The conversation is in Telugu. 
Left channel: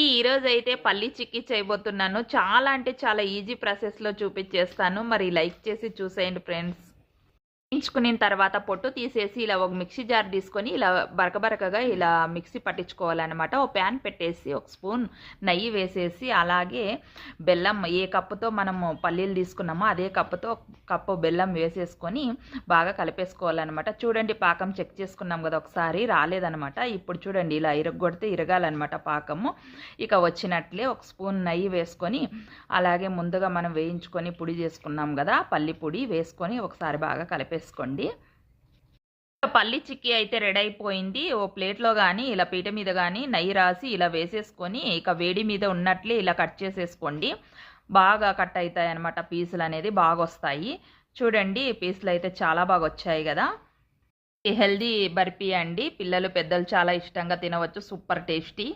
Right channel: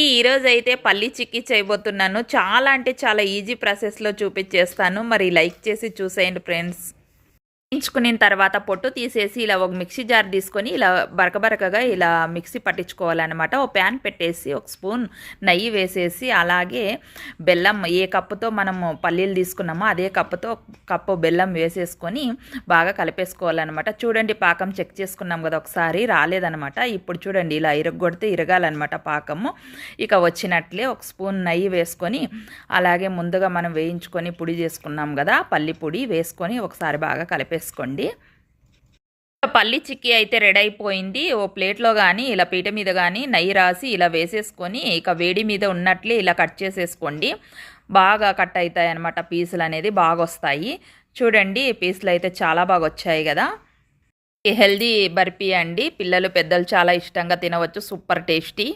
ఈరోజు అయితే పల్లి చిక్కీ చేయబోతున్నాను. చాలా అంటే చాలా ఈజీ ప్రాసెస్‌లో చూపించేస్తాను. మరి లైక్ చేసి చూసేయండి ఫ్రెండ్స్. వేయించుకున్న తర్వాత పొట్టు తీసేసి ఇలా ఒక మిక్సీ జార్ తీసుకొని ఇలా బరకబరకగా ఇలా మిక్సీ పట్టించుకోవాలన్నమాట. ఒక ప్యాన్ పెట్టేసి ఒక స్పూన్ నెయ్యి వేసేసి అలాగే బెల్లం ఏ కప్పుతో మనము పల్లీలు తీసుకున్నామో అదే కప్పుతో కప్పు బెల్లం వేసేసుకొని బాగా కలిపేసుకోవాలన్నమాట. చూడండి పాకం చెక్ చేసుకున్నాం కదా ఒకసారి రాలేదన్నమాట. ఇప్పుడు చూడండి ఇలా ఇరగొడితే ఇరగాలన్నమాట పాకము. ఇక వచ్చినట్లే ఒక స్పూన్ నెయ్యి వేసుకొని అలాగే ముందుగా మనం వేయించుకొని పొడి చేసుకున్నాం కదా పల్లి పొడి వేసుకొని ఒకసారి బాగా కలిపేసుకోండి. పల్లి చిక్కీ అయితే రెడీ అయిపోయింది. ఓ ప్లేట్లో కానీ ఇలా పీట మీద కానీ నెయ్యి రాసి ఇలా వేసేసుకొని ఇక వేడి మీద ఉన్నట్లే ఇలా కట్ చేసేసుకోండి. బాగా కట్ అవుతాయి అన్నమాట. పీసులు అనేది బాగా వస్తాయి. చూడండి పీసులు అయితే చాలా బాగా వచ్చాయి కదా. హెల్దీ బర్ఫీ అండి. పిల్లలు పెద్దలు చాలా ఇష్టంగా తినవచ్చు. Super tasty.